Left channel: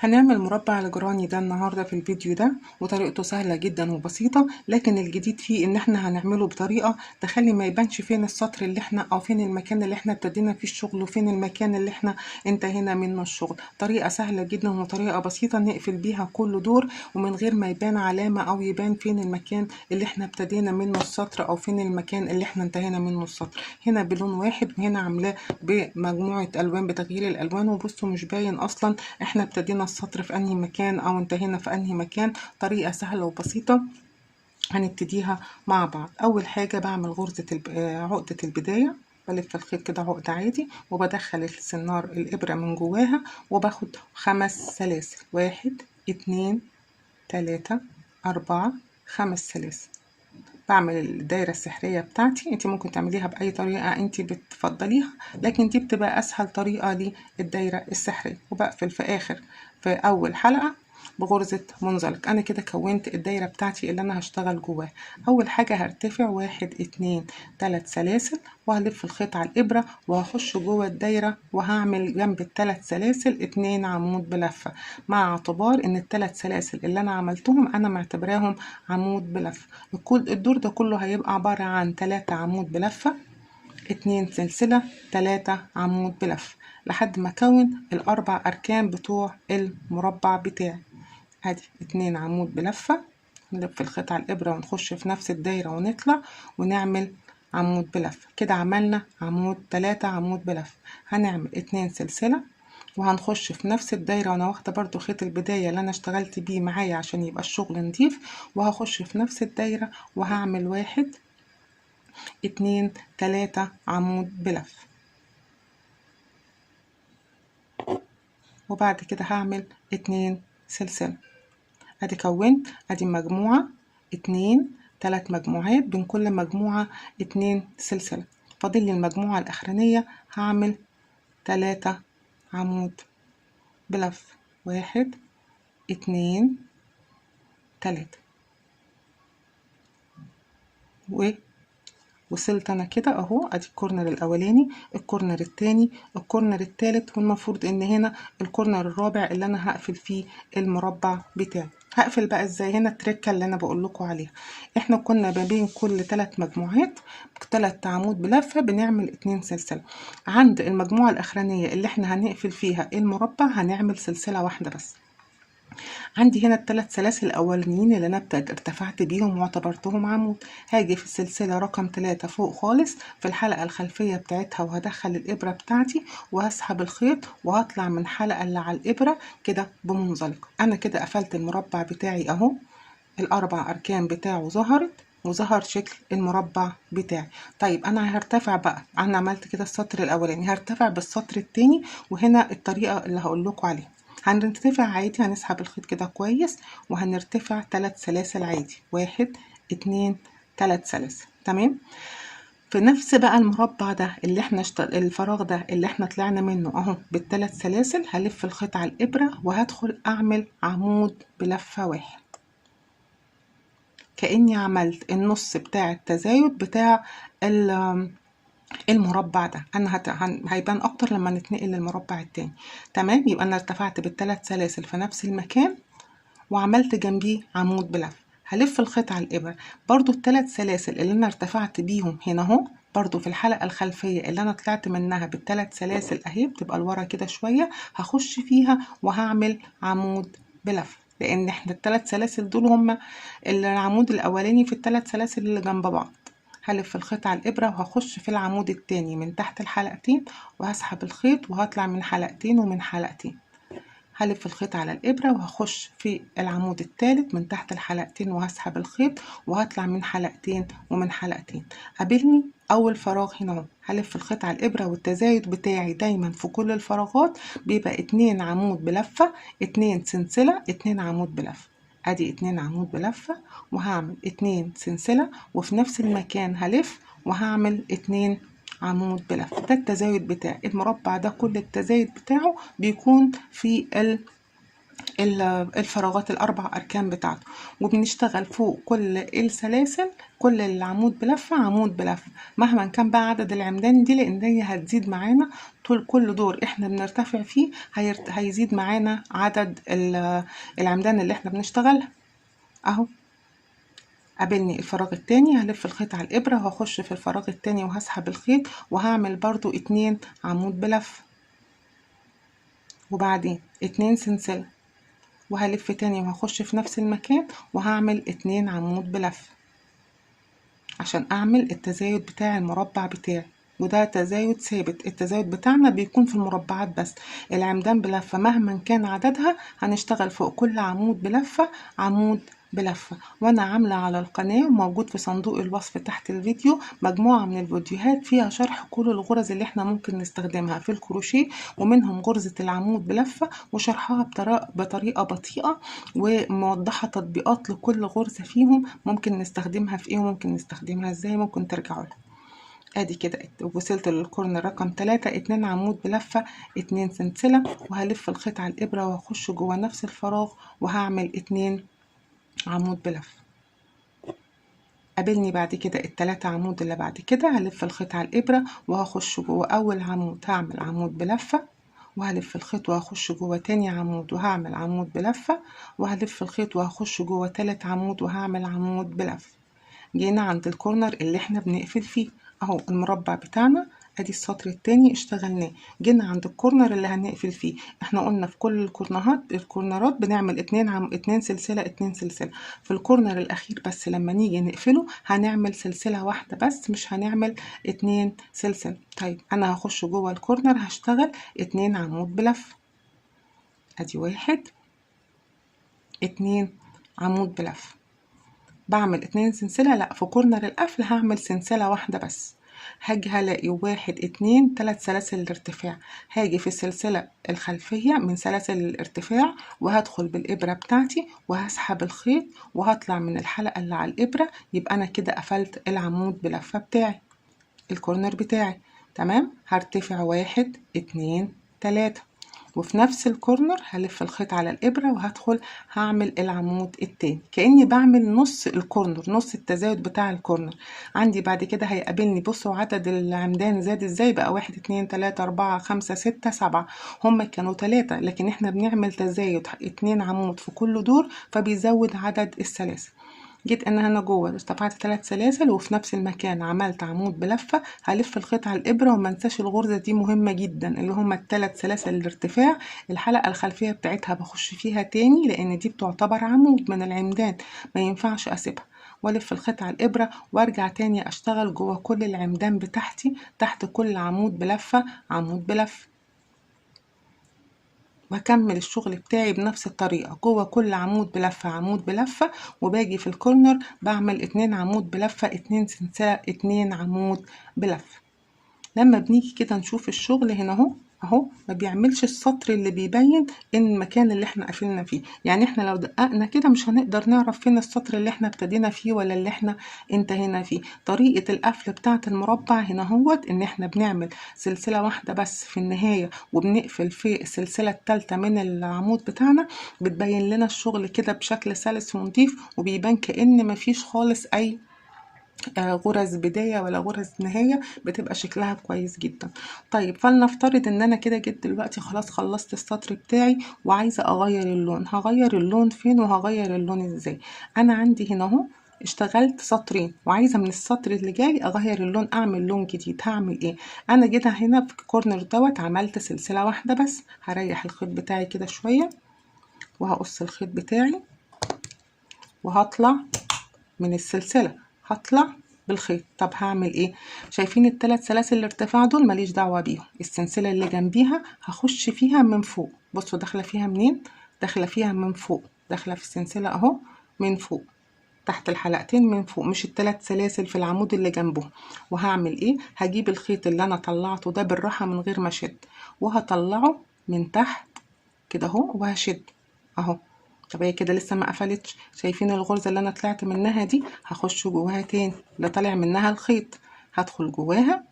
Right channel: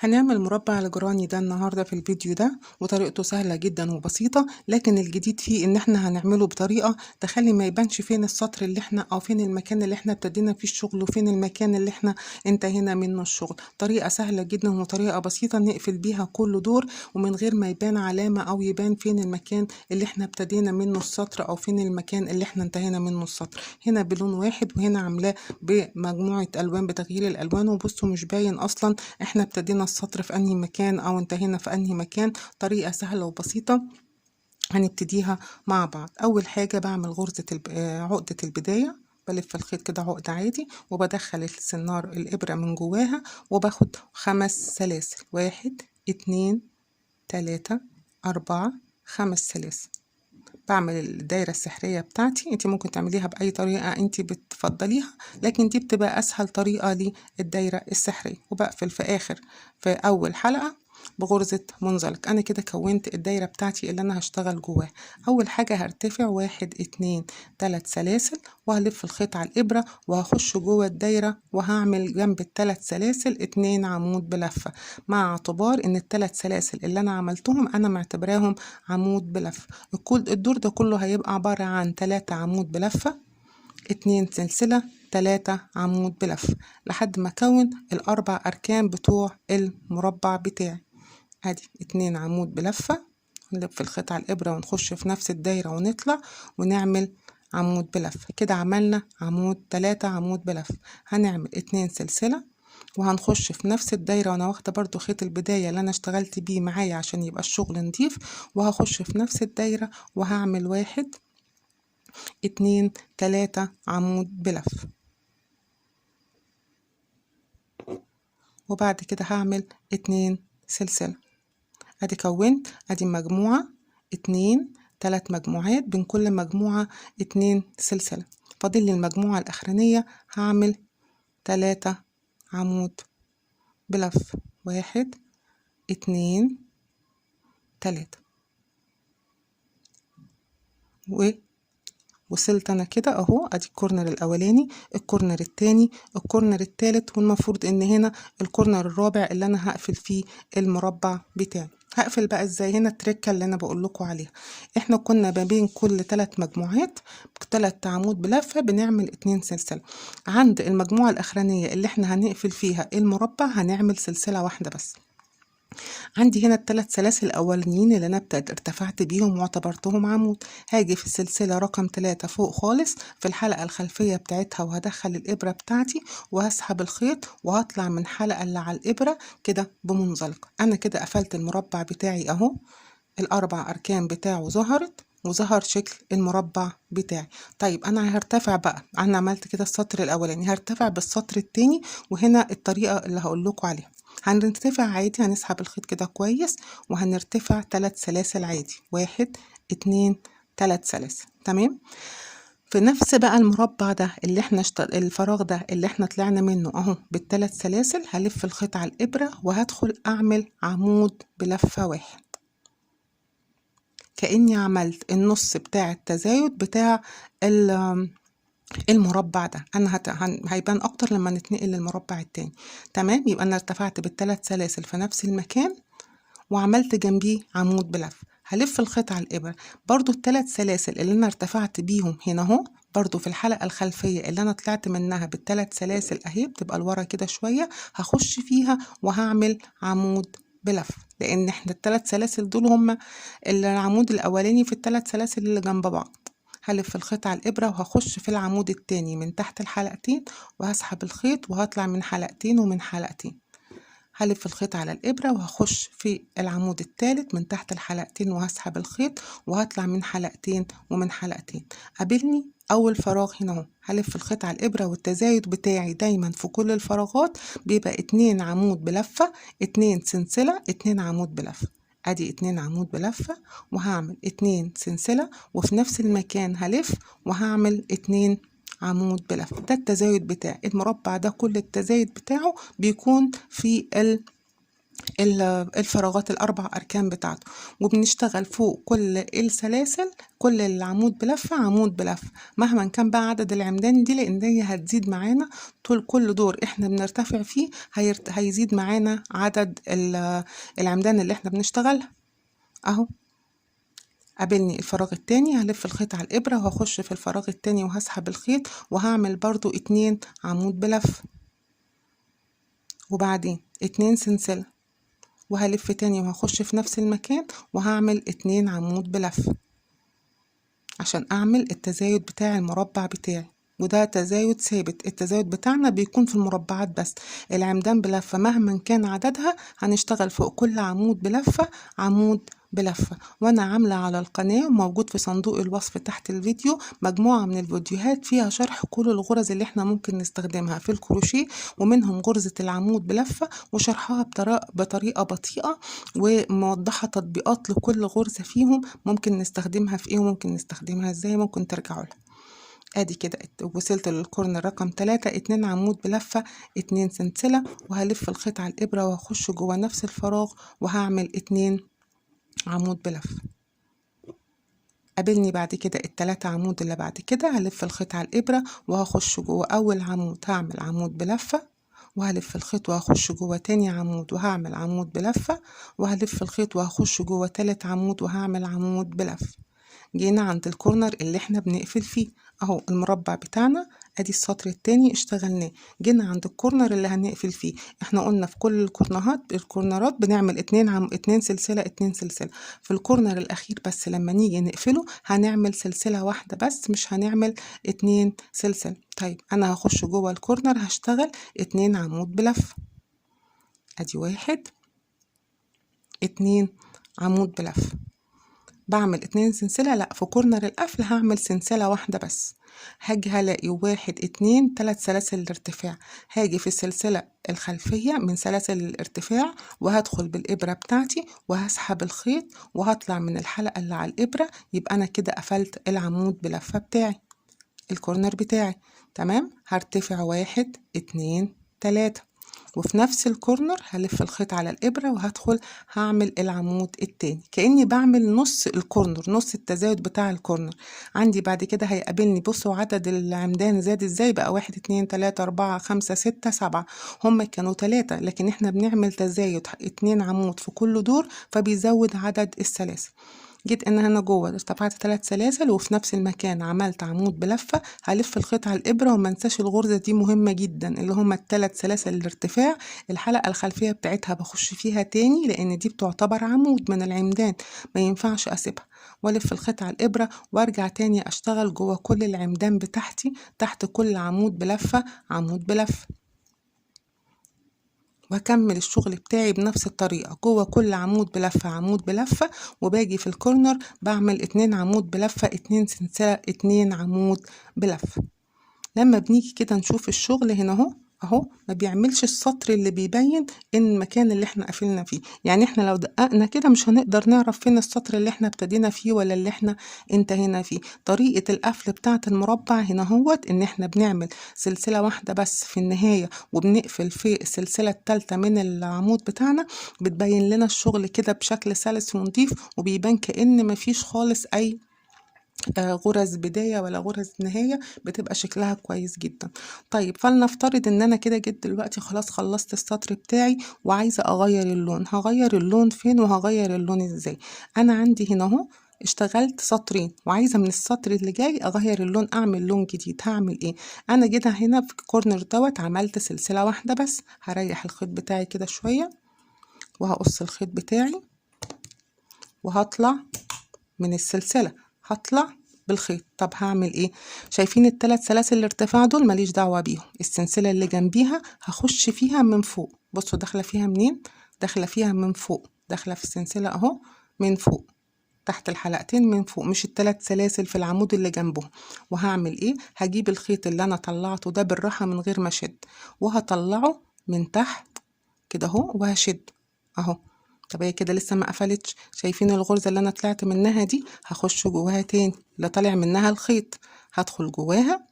هنعمل مربع الجراني ده النهاردة في الفيديو ده، وطريقته سهلة جدا وبسيطة. لكن الجديد فيه ان احنا هنعمله بطريقة تخلي ما يبانش فين السطر اللي احنا او فين المكان اللي احنا ابتدينا فيه الشغل وفين المكان اللي احنا انتهينا منه الشغل. طريقة سهلة جدا وطريقة بسيطة نقفل بيها كل دور ومن غير ما يبان علامة او يبان فين المكان اللي احنا ابتدينا منه السطر او فين المكان اللي احنا انتهينا منه السطر. هنا بلون واحد وهنا عاملاه بمجموعة الوان بتغيير الالوان، وبصوا مش باين اصلا احنا ابتدينا السطر في انهي مكان او انتهينا في انهي مكان. طريقة سهلة وبسيطة هنبتديها مع بعض. اول حاجة بعمل غرزة عقدة البداية، بلف الخيط كده عقدة عادي وبدخل السنار الابرة من جواها وباخد 5 سلاسل، 1 2 3 4 5 سلاسل. بعمل الدايرة السحرية بتاعتي، انت ممكن تعمليها بأي طريقة انت بتفضليها، لكن دي بتبقى اسهل طريقة للدايرة السحرية. وبقفل في اول حلقة بغرزة منزلق. انا كده كونت الدايرة بتاعتي اللي انا هشتغل جواها. اول حاجة هرتفع 1 2 3 سلاسل وهلف الخيط على الابرة وهخش جوه الدايرة وهعمل جنب الثلاث سلاسل 2 عمود بلفة، مع اعتبار ان الثلاث سلاسل اللي انا عملتهم انا معتبراهم عمود بلفة. الدور ده كله هيبقى عبارة عن 3 عمود بلفة، 2 سلسلة، 3 عمود بلفة، لحد ما اكون الاربع اركان بتوع المربع بتاعي. ادي 2 عمود بلفة، نلف الخيط على الابرة ونخش في نفس الدايرة ونطلع ونعمل عمود بلفة. كده عملنا 3 عمود بلفة. هنعمل 2 سلسلة وهنخش في نفس الدايرة، وانا واخدة برضو خيط البداية اللي انا اشتغلت بيه معايا عشان يبقى الشغل نضيف، وهخش في نفس الدايرة وهعمل 1 2 3 عمود بلف. وبعد كده هعمل 2 سلسلة. ادي كونت ادي مجموعة 2 3 مجموعات، بين كل مجموعة 2 سلسلة. فاضل لي المجموعة الاخرانية هعمل 3 عمود بلف، 1 2 3. وصلت انا كده اهو. ادي الكورنر الاولاني، الكورنر التاني، الكورنر التالت، والمفروض ان هنا الكورنر الرابع اللي انا هقفل فيه المربع بتاعي. هقفل بقى ازاي؟ هنا التركه اللي انا بقول لكم عليها. احنا كنا ما بين كل 3 مجموعات 3 عمود بلفه بنعمل 2 سلسله. عند المجموعه الاخرانيه اللي احنا هنقفل فيها المربع هنعمل سلسله واحده بس. عندي هنا الثلاث سلاسل الاولانيين اللي انا ارتفعت بيهم واعتبرتهم عمود. هاجي في السلسله رقم 3 فوق خالص في الحلقه الخلفيه بتاعتها وهدخل الابره بتاعتي وهسحب الخيط وهطلع من الحلقه اللي على الابره كده بمنزلقه. انا كده قفلت المربع بتاعي اهو، الاربع اركان بتاعه ظهرت وظهر شكل المربع بتاعي. طيب انا هرتفع بقى، انا عملت كده السطر الاولاني، هرتفع بالسطر التاني. وهنا الطريقه اللي هقول لكم عليها، هنرتفع عادي، هنسحب الخيط كده كويس وهنرتفع 3 سلاسل عادي، 1 2 3 سلاسل. تمام. في نفس بقى المربع ده اللي احنا الفراغ ده اللي احنا طلعنا منه اهو بالثلاث سلاسل، هلف الخيط على الابره وهدخل اعمل عمود بلفه واحد، كأني عملت النص بتاع التزايد بتاع المربع ده. انا هيبان اكتر لما نتنقل للمربع التاني. تمام. يبقى انا ارتفعت بالثلاث سلاسل في نفس المكان وعملت جنبيه عمود بلف. هلف الخيط على الابره برضو الثلاث سلاسل اللي انا ارتفعت بيهم هنا اهو، برضو في الحلقه الخلفيه اللي انا طلعت منها بالثلاث سلاسل اهي، بتبقى لورا كده شويه، هخش فيها وهعمل عمود بلف، لان احنا الثلاث سلاسل دول هما العمود الاولاني في الثلاث سلاسل اللي جنب بعض. هلف الخيط على الابره وهخش في العمود التاني من تحت الحلقتين وهسحب الخيط وهطلع من حلقتين ومن حلقتين. هلف الخيط على الابره وهخش في العمود الثالث من تحت الحلقتين وهسحب الخيط وهطلع من حلقتين ومن حلقتين. قابلني اول فراغ هنا اهو، هلف الخيط على الابره، والتزايد بتاعي دايما في كل الفراغات بيبقى 2 عمود بلفه، 2 سلسله، 2 عمود بلفه. ادي 2 عمود بلفه وهعمل 2 سلسله، وفي نفس المكان هلف وهعمل 2 عمود بلف. ده التزايد بتاع المربع ده، كل التزايد بتاعه بيكون في الفراغات الاربع اركان بتاعته، وبنشتغل فوق كل السلاسل كل العمود بلفه عمود بلفه مهما كان بقى عدد العمدان دي، لان هي هتزيد معانا طول كل دور احنا بنرتفع فيه، هيزيد معانا عدد العمدان اللي احنا بنشتغلها. اهو قابلني الفراغ التاني، هلف الخيط على الابره وهخش في الفراغ التاني وهسحب الخيط وهعمل برضو 2 عمود بلف، وبعدين 2 سلسله، وهلف تاني وهخش في نفس المكان وهعمل 2 عمود بلف عشان اعمل التزايد بتاع المربع بتاعي، وده تزايد ثابت. التزايد بتاعنا بيكون في المربعات بس، العمدان بلفة مهما كان عددها هنشتغل فوق كل عمود بلفة عمود بلفة. وانا عاملة على القناة موجود في صندوق الوصف تحت الفيديو مجموعة من الفيديوهات فيها شرح كل الغرز اللي احنا ممكن نستخدمها في الكروشيه، ومنهم غرزة العمود بلفة وشرحها بطريقة بطيئة، وموضحة تطبيقات لكل غرزة فيهم ممكن نستخدمها في ايه وممكن نستخدمها ازاي، ممكن ترجعوا لها. ادي كده وصلت للكورنر رقم 3، 2 عمود بلفة 2 سلسلة، وهلف الخيط على الابرة وهخش جوه نفس الفراغ وهعمل 2 عمود بلف. قابلني بعد كده ال3 عمود اللي بعد كده، هلف الخيط على الابرة وهخش جوه اول عمود هعمل عمود بلفة، وهلف الخيط وهخش جوه تاني عمود وهعمل عمود بلفة، وهلف الخيط وهخش جوه تالت عمود وهعمل عمود بلف. جينا عند الكورنر اللي احنا بنقفل فيه، اهو المربع بتاعنا ادي السطر التاني اشتغلناه. جينا عند الكورنر اللي هنقفل فيه، احنا قلنا في كل الكورنرات بنعمل 2 سلسلة 2 سلسلة، في الكورنر الاخير بس لما نيجي نقفله هنعمل سلسلة واحدة بس، مش هنعمل 2 سلسلة. طيب انا هخش جوه الكورنر هشتغل 2 عمود بلف، ادي 1 2 عمود بلف، بعمل 2 سلسلة، لا في كورنر القفل هعمل سلسلة واحدة بس. هاجي هلاقي 1 2 3 سلاسل الارتفاع، هاجي في السلسلة الخلفية من سلاسل الارتفاع وهدخل بالإبرة بتاعتي وهسحب الخيط وهطلع من الحلقة اللي على الإبرة، يبقى أنا كده قفلت العمود بلفة بتاعي الكورنر بتاعي. تمام، هرتفع 1 2 3، وفي نفس الكورنر هلف الخيط على الإبرة وهدخل هعمل العمود التاني كأني بعمل نص الكورنر، نص التزايد بتاع الكورنر. عندي بعد كده هيقابلني، بصوا عدد العمدان زاد ازاي بقى، 1 2 3 4 5 6 7، هما كانوا 3 لكن احنا بنعمل تزايد 2 عمود في كل دور فبيزود عدد السلاسل. جيت انا هنا جوه ارتفعت 3 سلاسل وفي نفس المكان عملت عمود بلفه، هلف الخيط على الابره وما انساش الغرزه دي مهمه جدا اللي هما ال3 سلاسل الارتفاع، الحلقه الخلفيه بتاعتها بخش فيها تاني لان دي بتعتبر عمود من العمدان ما ينفعش اسيبها، والف الخيط على الابره وارجع تاني اشتغل جوه كل العمدان بتاعتي تحت كل عمود بلفه عمود بلفه، وهكمل الشغل بتاعي بنفس الطريقة جوه كل عمود بلفة عمود بلفة، وباجي في الكورنر بعمل 2 عمود بلفة 2 سلسلة 2 عمود بلفة. لما بنيجي كده نشوف الشغل هنا اهو ما بيعملش السطر اللي بيبين ان المكان اللي احنا قفلنا فيه، يعني احنا لو دققنا كده مش هنقدر نعرف فين السطر اللي احنا ابتدينا فيه ولا اللي احنا انتهينا فيه. طريقة القفل بتاعة المربع هنا ان احنا بنعمل سلسلة واحدة بس في النهاية وبنقفل في السلسلة الثالثة من العمود بتاعنا، بتبين لنا الشغل كده بشكل سلس ونضيف، وبيبان كأن مفيش خالص اي غرز بداية ولا غرز نهاية، بتبقى شكلها كويس جدا. طيب فلنفترض ان انا كده جيت دلوقتي خلاص خلصت السطر بتاعي وعايزة اغير اللون، هغير اللون فين وهغير اللون ازاي؟ انا عندي هنا اهو اشتغلت سطرين وعايزة من السطر اللي جاي اغير اللون اعمل لون جديد، هعمل ايه؟ انا جيت هنا في الكورنر دوت عملت سلسلة واحدة بس، هريح الخيط بتاعي كده شوية وهقص الخيط بتاعي وهطلع من السلسلة، هطلع بالخيط. طب هعمل ايه؟ شايفين ال3 سلاسل الارتفاع دول ماليش دعوة بيهم، السلسلة اللي جنبيها هخش فيها من فوق، بصوا داخلة فيها منين؟ داخلة فيها من فوق، داخلة في السلسلة اهو من فوق تحت الحلقتين من فوق، مش ال3 سلاسل في العمود اللي جنبهم. وهعمل ايه؟ هجيب الخيط اللي انا طلعته ده بالراحة من غير ما اشد وهطلعه من تحت كده اهو وهشد اهو. طب هي كده لسه ما قفلتش، شايفين الغرزة اللي انا طلعت منها دي؟ هخش جواها تاني اللي طالع منها الخيط، هدخل جواها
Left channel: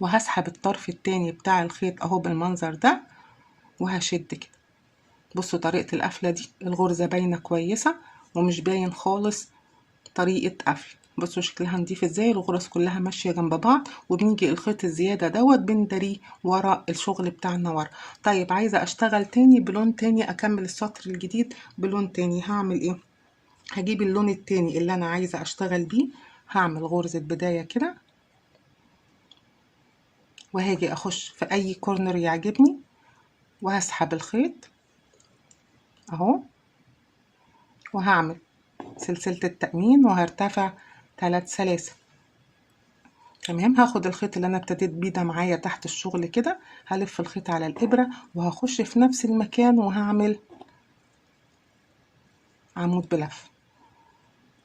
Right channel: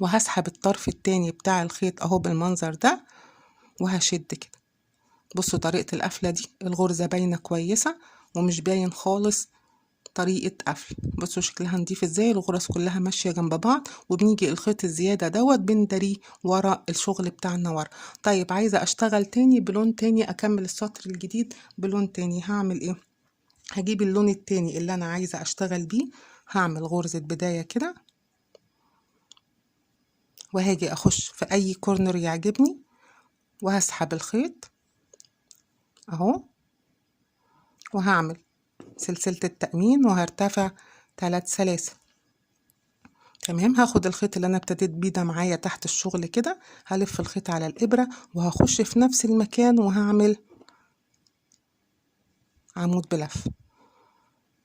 وهسحب الطرف التاني بتاع الخيط اهو بالمنظر ده وهشد كده. بصوا طريقة القفلة دي، الغرزة باينة كويسة ومش باين خالص طريقة قفل. بصوا شكلها نضيف ازاي، الغرز كلها ماشية جنب بعض، وبنيجي الخيط الزيادة دوت بندريه ورا الشغل بتاعنا ورا. طيب عايزة اشتغل تاني بلون تاني، اكمل السطر الجديد بلون تاني، هعمل ايه؟ هجيب اللون التاني اللي انا عايزة اشتغل بيه، هعمل غرزة بداية كده، وهاجي اخش في اي كورنر يعجبني وهسحب الخيط اهو، وهعمل سلسلة التأمين وهرتفع 3 سلاسل. تمام، هاخد الخيط اللي انا ابتديت بيه ده معايا تحت الشغل كده، هلف الخيط على الابرة وهخش في نفس المكان وهعمل عمود بلف.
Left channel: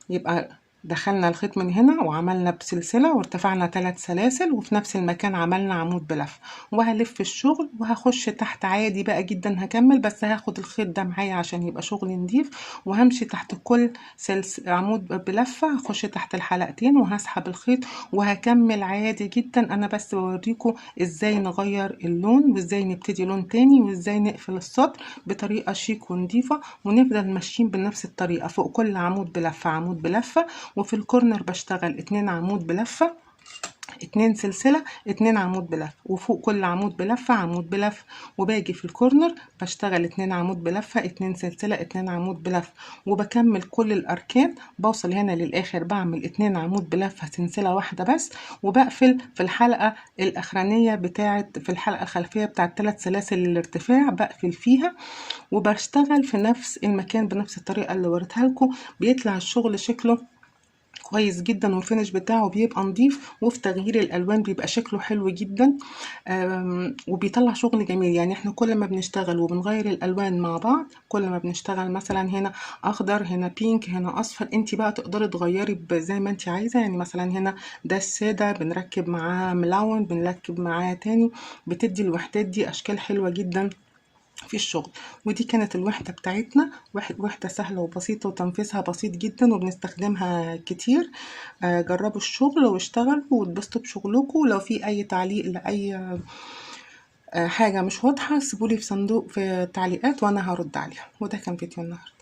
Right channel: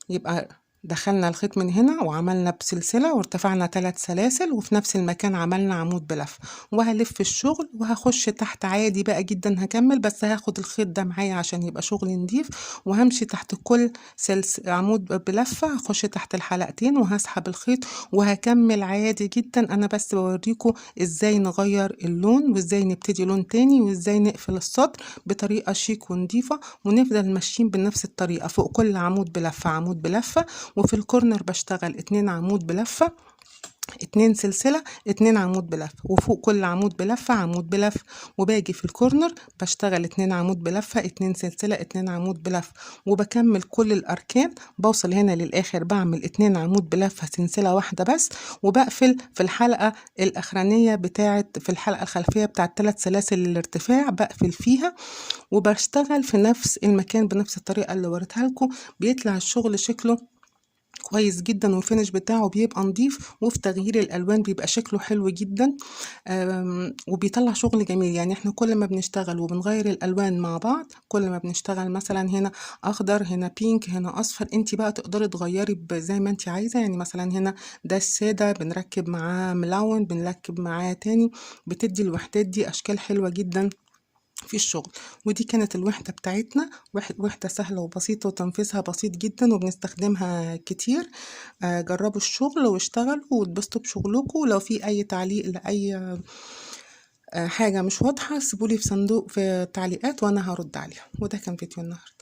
يبقى دخلنا الخيط من هنا وعملنا بسلسلة وارتفعنا 3 سلاسل، وفي نفس المكان عملنا عمود بلف، وهلف الشغل وهخش تحت عادي بقى جدا. هكمل بس هاخد الخيط ده معايا عشان يبقى شغل نضيف، وهمشي تحت كل عمود بلفة، هخش تحت الحلقتين وهسحب الخيط وهكمل عادي جدا. انا بس بوريكم ازاي نغير اللون وازاي نبتدي لون تاني وازاي نقفل السطر بطريقة شيك ونضيفة، ونفضل ماشيين بنفس الطريقة. فوق كل عمود بلفة عمود بلفة، وفي الكورنر بشتغل 2 عمود بلفة، 2 سلسلة، 2 عمود بلفة، وفوق كل عمود بلفة عمود بلفة، وباجي في الكورنر بشتغل 2 عمود بلفة، 2 سلسلة، 2 عمود بلفة، وبكمل كل الأركان. بوصل هنا للآخر بعمل 2 عمود بلفة سلسلة واحدة بس، وبقفل في الحلقة الأخرانية في الحلقة الخلفية بتاعت 3 سلاسل الارتفاع، بقفل فيها وبشتغل في نفس المكان بنفس الطريقة اللي وريتها لكم. بيطلع الشغل شكله كويس جدا، والفينش بتاعه بيبقى نظيف، وفي تغيير الالوان بيبقى شكله حلو جدا، وبيطلع شغل جميل. يعني احنا كل ما بنشتغل وبنغير الالوان مع بعض، كل ما بنشتغل مثلا هنا اخضر، هنا بينك، هنا اصفر، انت بقى تقدري تغيري زي ما انت عايزه. يعني مثلا هنا ده الساده بنركب معاه ملون، بنركب معاه تاني، بتدي الوحدات دي اشكال حلوه جدا في الشغل. ودي كانت الوحدة بتاعتنا، وحدة سهلة وبسيطة وتنفيذها بسيط جدا وبنستخدمها كتير. جربوا الشغل واشتغلوا واتبسطوا بشغلكم. ولو في اي تعليق لأي حاجة مش واضحة سيبولي في صندوق في التعليقات وانا هرد عليها. وده كان فيديو النهاردة.